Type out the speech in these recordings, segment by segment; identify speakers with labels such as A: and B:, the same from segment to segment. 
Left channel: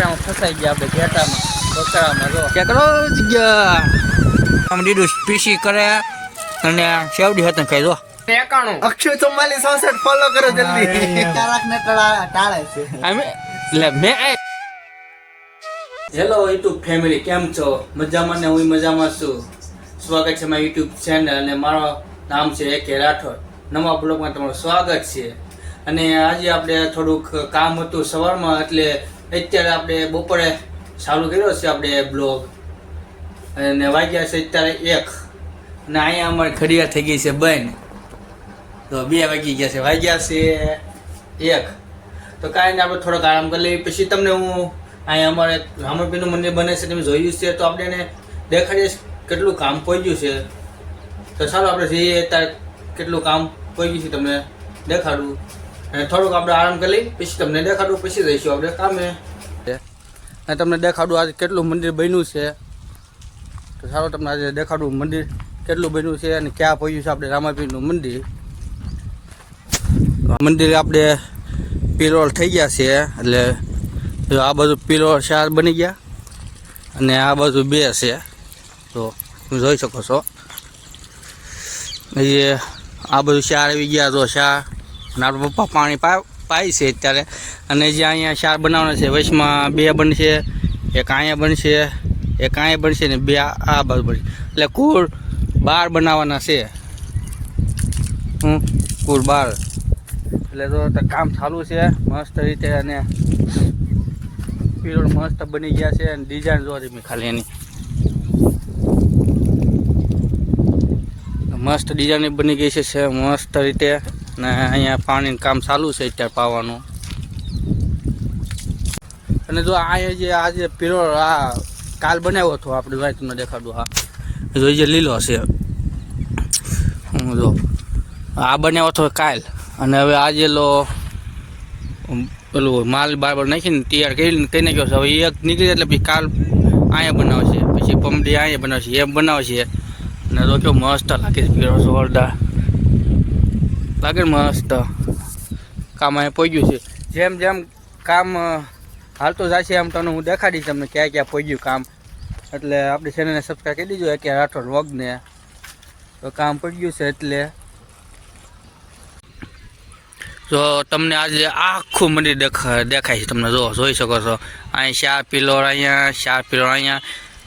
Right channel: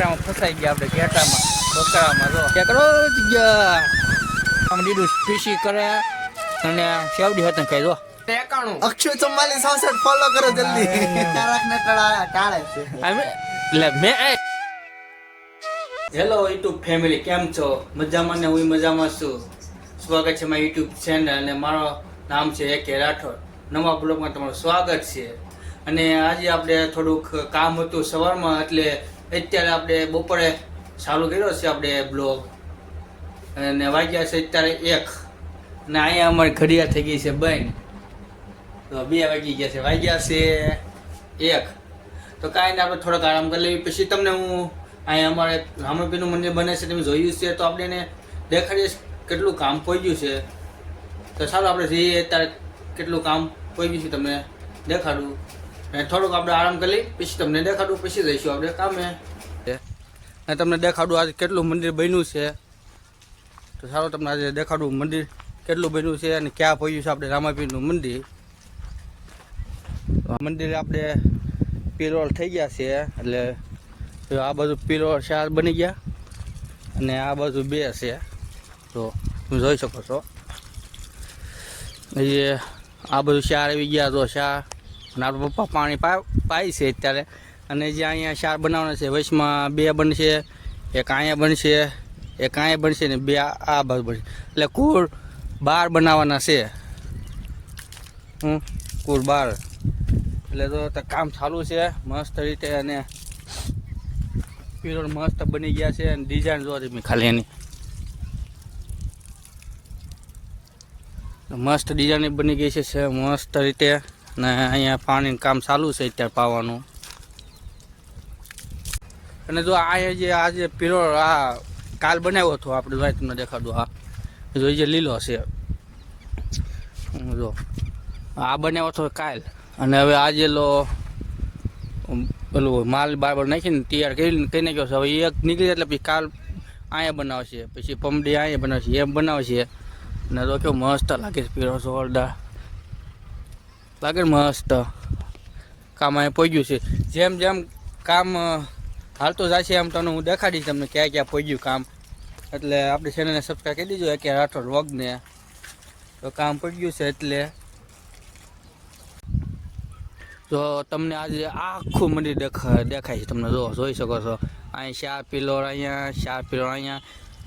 A: ટેકરામાં ફસાઈ ગયા આપણે ઘેટામાં બકરામાં જો.
B: ટેકરો જગ્યા. આમ દીધું પીસી કરે અને શેવડી હતું ખાઈ દો
A: ટેકાણું.
C: અક્ષય ચુમ્માલીસ ચોસઠ ફોલો કરો જલ્દી. તારક ને ટાળે છે.
B: અમે એટલે મેં હેલો યુટ્યુબ ફેમિલી કેમ છો? મજામાં ને હું મજામાં છું. સ્વાગત છે મારા યુટ્યુબ ચેનલ અને મારો નામ છે એ કે રાઠોડ. નવા બ્લોગમાં તમારું સ્વાગત છે. અને આજે આપણે થોડુંક કામ હતું સવારમાં એટલે અત્યારે આપણે બપોરે ચાલુ કર્યો છે આપણે બ્લોગ. અને વાગ્યા છે અત્યારે એક. ને અહીંયા અમારી ઘડિયાળ થઈ ગઈ છે બંધ. તો બે વાગી ગયા છે. વાગ્યા છે એક. તો કાંઈ નહીં, આપણે થોડોક આરામ કરી લઈએ. પછી તમને હું અહીંયા અમારે રામાપીનું મંદિર બને છે, તમે જોયું છે, તો આપણે એને દેખાડીએ કેટલું કામ પહોંચ્યું છે. તો ચાલો આપણે જઈએ, અત્યારે કેટલું કામ પહોંચ્યું છે તમને દેખાડું. અને થોડુંક આપણે આરામ કરી લઈએ. પછી તમને દેખાડું, પછી જઈશું આપણે કામે. અને તમને દેખાડું આજે કેટલું મંદિર બન્યું છે. તો સારું, તમને આજે દેખાડું મંદિર કેટલું બન્યું છે અને ક્યાં પહોંચ્યું છે આપણે રામાપીરનું મંદિર. મંદિરે આપણે પિલોર થઈ ગયા છે. એટલે આ બાજુ પિલોર ચાર બની ગયા. અને આ બાજુ બે છે. તો તમે જોઈ શકો છો. એ આ બધું ચાર આવી ગયા, તો ચાર અને પપ્પા પાણી પાય છે અત્યારે. અને જે અહીંયા ચાર બનાવવાના છે વૈશમાં બે બનશે, એક અહીંયા બનશે, એક અહીંયા બનશે ને બે આ બાજુ બનશે. એટલે કુલ બાર બનાવવાના છે. કુલ બાર. એટલે તો કામ ચાલુ છે, મસ્ત રીતે અને પીરોડ મસ્ત બની ગયા છે અને ડિઝાઇન જોવા તમે ખાલી એની. મસ્ત ડિઝાઇન બની ગઈ છે મસ્ત રીતે. ને અહીંયા પાણીનું કામ ચાલુ છે અત્યારે પાવાનું. અને જો આ જે આ જે આ કાલ બનાવ્યો હતો આપણે ભાઈ તમને દેખાડો આ. જો જે લીલો છે. હું જો આ બનાવ્યો હતો કાલ. અને હવે આજે લો પેલું માલ બારબર નાખીને તૈયાર કરીને કહી નાખ્યો છે. હવે એક નીકળી એટલે પછી કાલ અહીંયા બનાવશે. પછી પમડી અહીંયા બનાવશે. એમ બનાવશે. અને તો કેવું મસ્ત લાગે છે પીળો જોરદાર. લાગે મસ્ત કામ અહીંયા પહોંચ્યું છે. જેમ જેમ કામ હાલતું જશે એમ તમને હું દેખાડીશ તમને ક્યાં ક્યાં પહોંચ્યું કામ. એટલે આપણી ચેનલને સબસ્ક્રાઈબ કરી દીજો કે રાઠોડ વ્લોગને તો કામ પહોંચ્યું છે એટલે. જો તમને આજે આખું મંદિર દેખા, દેખાય છે તમને. જો જોઈ શકો છો. અહીં ચાર પિલોર અહીંયા, ચાર પિલોર અહીંયા.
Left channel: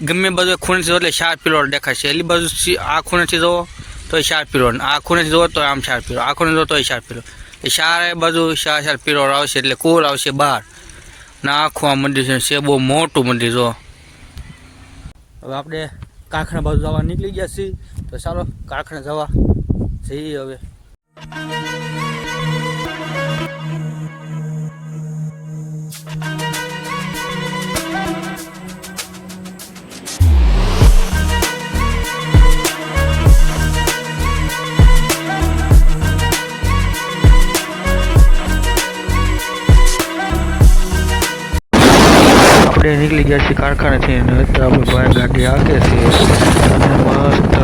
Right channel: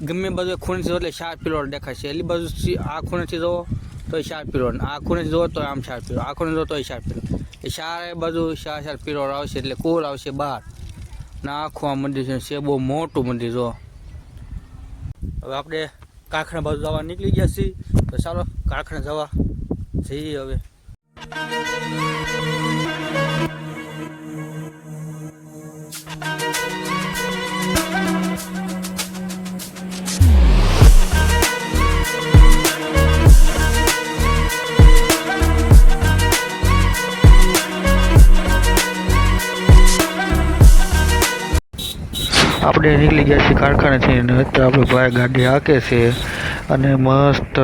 B: ગમે બધું ખૂણેથી જો એટલે ચાર પિલોર દેખાય છે. એટલી બાજુ આ ખૂણેથી જુઓ તો શાર પીરો. આ ખૂણેથી જુઓ તો આમ શાર પીરો. આ ખૂણે જુઓ તો શાર પિલોર એ ચારે બાજુ શાર શાર પિલોર આવશે એટલે કુલ આવશે બહાર ને આખું આ મંદિર છે છે બહુ મોટું મંદિર, જો. હવે આપણે કાંખણા બાજુ જવા નીકળી ગયા છીએ. તો ચાલો કાંખણા જવા જઈએ હવે. આપણે નીકળી ગયા છીએ કારખાનેથી અને અત્યારે આપણે ભાઈ ગાડી હાકે છે અને મસ્ત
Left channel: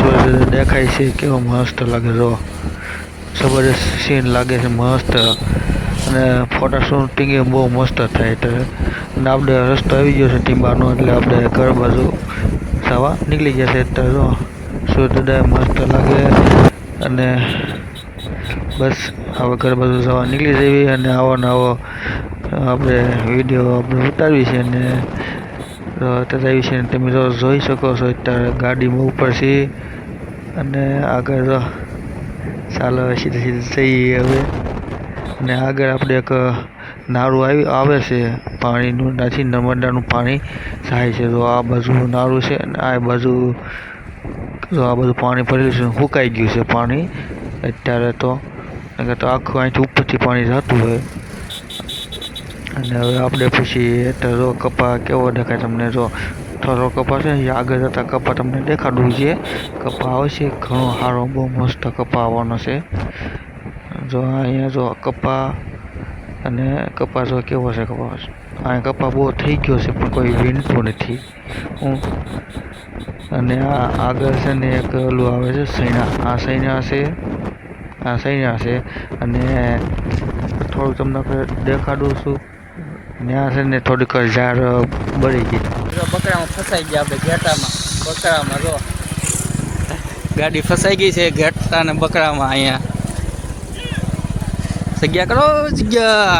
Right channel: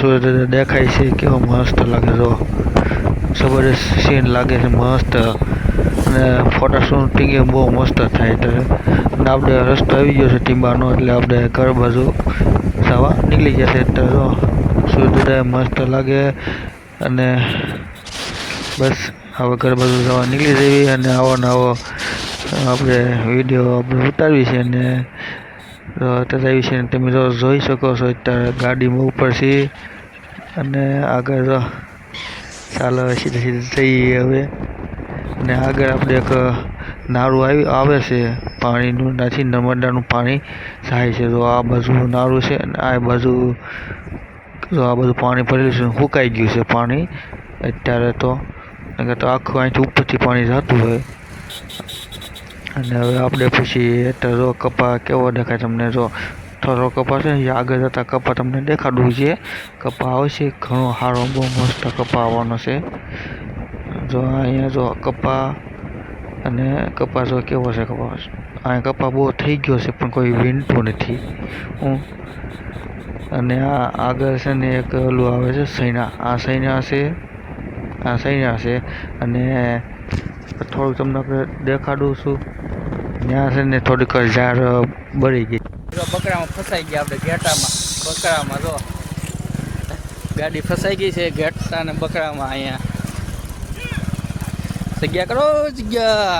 B: સૂર્ય દેખાય છે, કેવો મસ્ત લાગે જો. જબરદસ્ત સીન લાગે છે, મસ્ત. અને ફોટા શૂટિંગ બહુ મસ્ત થાય તો. અને આપણે રસ્તો આવી ગયો છે ટીંબાનો, એટલે આપણે ઘર બાજુ સવા નીકળી ગયા છે અત્યારે, જો. સૂર્યોદય મસ્ત લાગે. અને બસ, હવે ઘર બાજુ જવા નીકળી જવી અને આવો ને આવો આપણે વીડિયો આપણે ઉતારવી છે અને તથા વિશે તમે જો જોઈ શકો છો અત્યારે ગાડીમાં ઉપર છે અને આગળ ચાલો સીધે સીધે જઈએ હવે. અને આગળ આપણે એક નાળું આવી, આવે છે પાણીનું, નથી નર્મદાનું પાણી થાય છે. તો આ બાજુ નાળું છે અને આ બાજુ જો આ બધું પાણી ભરેલું છે, સુકાઈ ગયું છે પાણી અત્યારે તો. તો આખું અહીંથી ઉપરથી પાણી જતું હોય. અને હવે આપણે પછી અત્યારે કપા કેવો દેખાય તમને જો થોડો કપા છે એ આગળ જતા કપા તમને દેખાડવું છે. કપા આવશે, ઘણો સારો બહુ મસ્ત કપા આવવાનો છે. જો અહીંયા જો કપા અને કપા જો કેવો છે કપા? અહીંયા કપા બહુ થઈ ગયો છે, પણ કોઈ વીણતું નથી. હું અને આ આગળ છે ને એક ઓલું આવે છે સૈના આ સૈના છે, આ સૈના છે. અને થોડુંક તમને દેખાડું છું.
D: ત્યાં છે ને થોડીક ઝાડ બળી ગઈ.
B: બકરામાં ફસાઈ ગયા આપણે ઘેટામાં. બકરામાં જો. ગાડી ફસાઈ ગઈ છે ઘેટા ને બકરામાં અહીંયા. જગ્યા કરો જગ્યા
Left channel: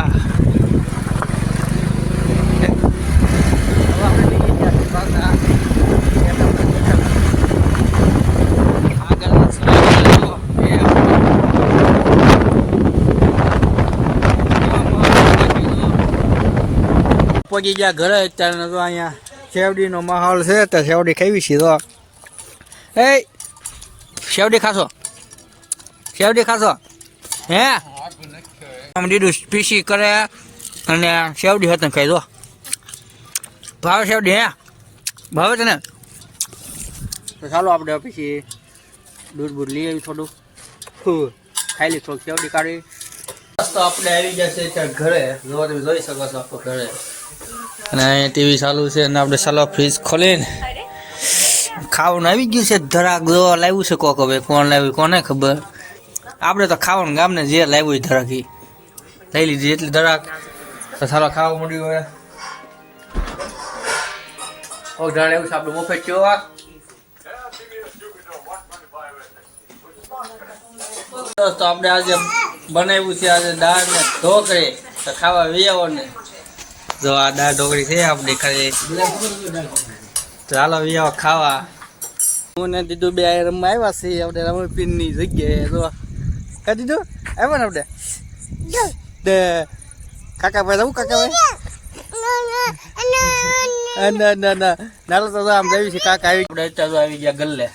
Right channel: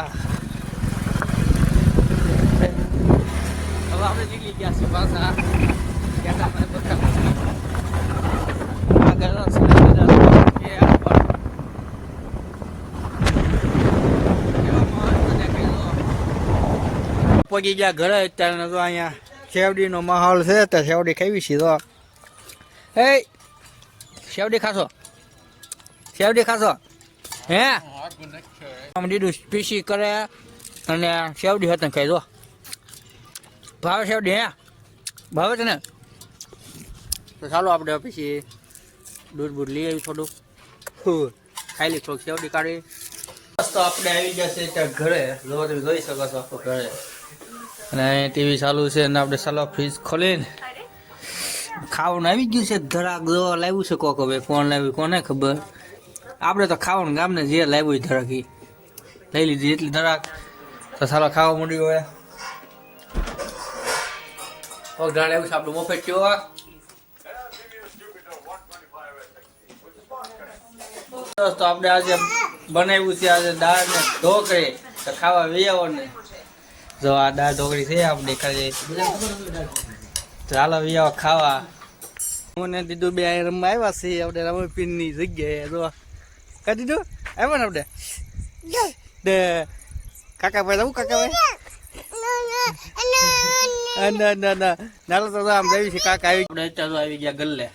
B: હવે આપણે નીકળી ગયા છીએ પાછા ઘેટામાં ઘેટામાં. આગળના સિલેન્ડર એ પહોંચી ગયા ઘરે અત્યારે તો અહીંયા શેવડીનો માહોલ છે તો શેવડી ખાવી છે તો. એ શેવડી ખાશો? શેવડી ખાશો? હે? દીદું પીસી કરે અને શેવડી હતો ખાઈ દો ભાવે શેવડી હે? ભાવે છે ને? ચાલો આપણે પછી દૂધ બૂધ લઈ આવી થોડું ફૂ, ખાઈ લઈ થોડુંક શેવડી કાઢી. તો આપણે આવી જશે ત્યાં ઘરે. જોવા તમે જોઈ શકો છો આપણું ઘરે. અને ટીવી ચાલુ છે અને આપણે ચાલો ફ્રીજ ખોલીને ખાવાનું આવી ગયું છે. ધરાક જોવા લાવ્યું છે કોક હવે. કોણ લાવ્યું, કોને ખબર? આપણે તો ખાવાનું ગામને જે લાવ્યું ધરાક એ લઈ લીધી. એટલી ધરાક તો ચાલો ખાવા મળ્યું હવે. દોસ્તો, આપણે આજે બનાવ્યું છે, આજે દાળ ને ઢોકળી. તો ખાવા વિયાવો ને જો આ દાળ ઢોકળી છે આપણી ખાલી ચાલો વિયો ખાવા. હું ને દીદુ બે રમવા આવ્યા છીએ આપણે રમણીપીરની જગ્યાએ. જો કા દીદુ? આવ્યા ને આપણે? દે. જવું કાકા ભાઈ ના ના ના નાલો તો આમ જઈ છે કાકા આવી. આપણે અત્યારે તો આવી ગયા ગલ્લે.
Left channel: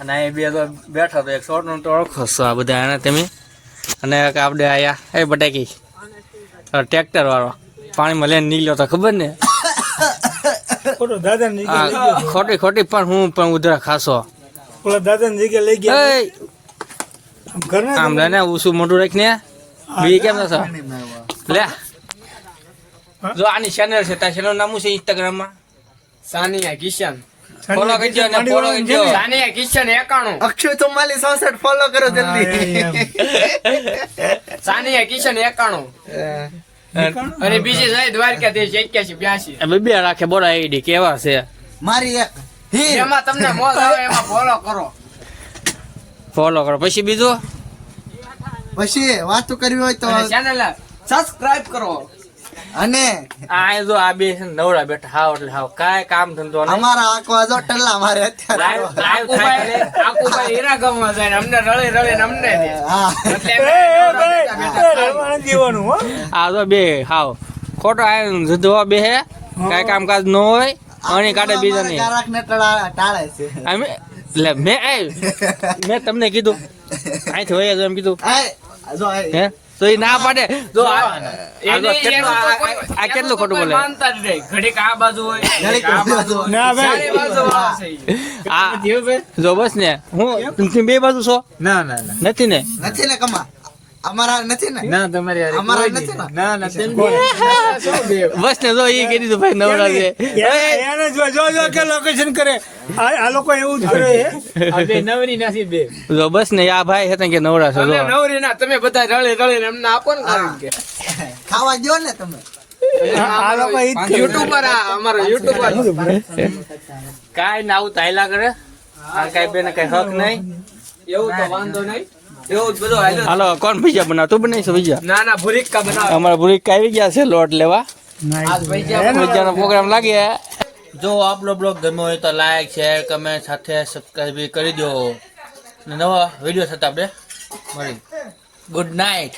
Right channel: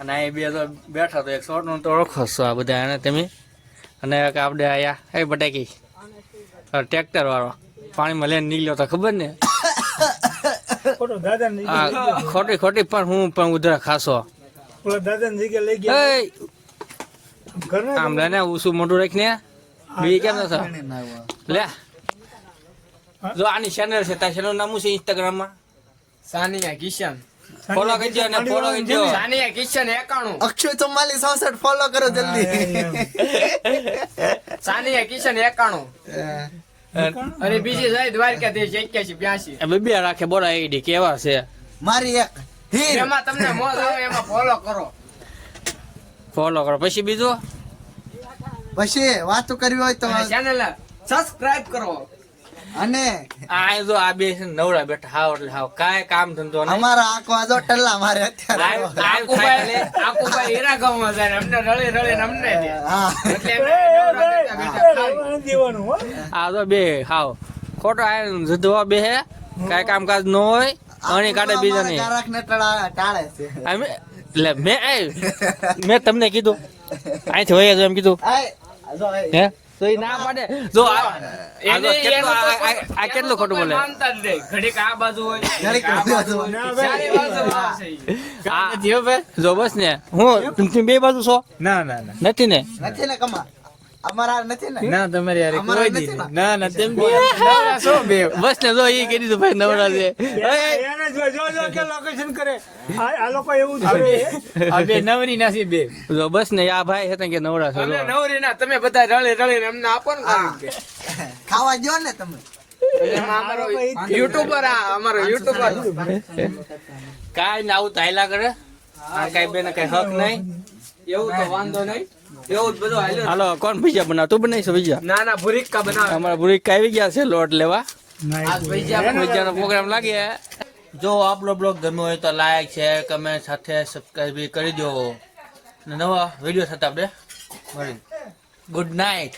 B: અને અહીં બે તો બેઠા તો એક શોર્ટનો તો ઓળખો છો આ બધા એને તમે. અને આપણે આયા. એ બટાકી. ટ્રેક્ટર વાળો. પાણીમાં લઈને નીકળ્યો તો ખબર ને?
E: ખોટો દાદા ને જગ્યા લઈ
B: આ ખોટી ખોટી પણ હું પણ ઉધરા ખાસો.
E: ઓલા દાદા ને જગ્યા લઈ ગયા
B: એય,
E: ઘર ને
B: આમ લઈને ઉસું મોટું રાખીને. બી કેમ છો? લે. જો આની ચેનલ છે તાર ચેનલ નામ છે ઇન્સ્ટાગ્રામમાં
A: સાનિયા કિશન.
B: ફોલો કરજો ને ફોલો કરજો.
A: સાનિયા કિશન
C: અક્ષય ફોલો કરો જલ્દી.
A: સાનિયા કિશન એકાણું. અને બીજી જાય દ્વારકાધીશ એક્યાસી બ્યાસી.
B: અમે બે રાખે બોલા આઈડી કેવા છે?
C: મારી એક
A: એમાં તમને મોજ આવે એમાં ફોલો કરો.
B: ફોલો કરો. પછી બીજું?
C: પછી વાતો કરવી હોય તો
A: ચેનલ સબસ્ક્રાઇબ કરો.
C: અને
B: આ જો આ બે છે ને નવરા બેઠા હાવ એટલે હાવ. કાય કામ ધંધો નહીં.
C: અમારા આંખવા આજો ટલ્લા મારે અત્યારે
A: આકુભાઈ આકુભાઈ હીરા ગામમાં જાય અમને રળી રળી અમને
C: હા.
A: એટલે
E: દેવાનું હો.
B: આ તો બે હાવ. ખોટો આ જુદવા બે હે. કાંઈ કામકાજ ન હોય આની કાઢે બીજા નહીં
C: ગારાક ને ટાળે છે.
B: અમે એટલે મેં એ મેં તમને કીધું. અહીંથી વયા એમ કીધું.
C: આય, જો
B: હે? તો એ ના પાડે. જો આ આ કેટલું- આ- આ- આ ખોટું બોલે?
A: માનતા જ ઘડીક આ બાજુ હોય
C: ઘડીક
A: આ બાજુ
E: ના ભાઈ.
B: આ જો બસ ને. હું બે બાજુ છો?
A: ના ના ના.
B: નથી ને?
C: નથી ને કમા? અમારા નથી ને
A: ના તમારે
C: અમારા નથી ને?
A: ના તેમ બે?
B: જો એ દીધું ભાઈ નવરા છે
E: એને- જો જો જો કે લોકેશન કરે. આ આ લોકો એવું જ કરે
A: નવરી નથી બે.
B: જો બસ ને આ ભાઈ હતા કે નવરા છે
A: તમે
B: જો
A: નવરી ના તમે બધા રળી રળીને એમને આપો ને કારણ કે.
C: ખાવા દ્યો ને તમે.
E: આ લોકો જ
A: યુટ્યુબર આ અમારો યુટ્યુબર.
B: કાઈ ના આવું તાયલા કરે? આ કાંઈ બેને કાંઈ હક નહીં?
A: એવું તો વાંધો નહીં. જ
B: હાલો કોણ બીજા બનાવ? તું બનાવીશું બીજા
A: ના ના ભુરીકા બનાવ.
B: અમારા ભુરીકા આવી ગયા છે લોટ લેવા.
A: આજ પૈસા
B: બીજાનો પ્રોગ્રામ લાગે. જો આપણો બ્લોગ ગમ્યો હોય તો લાઈક શેર કમેન્ટ સાથે સબસ્ક્રાઈબ કરી દો. નવા વીડિયો સાથે આપણે મળી ગુડ નાઇટ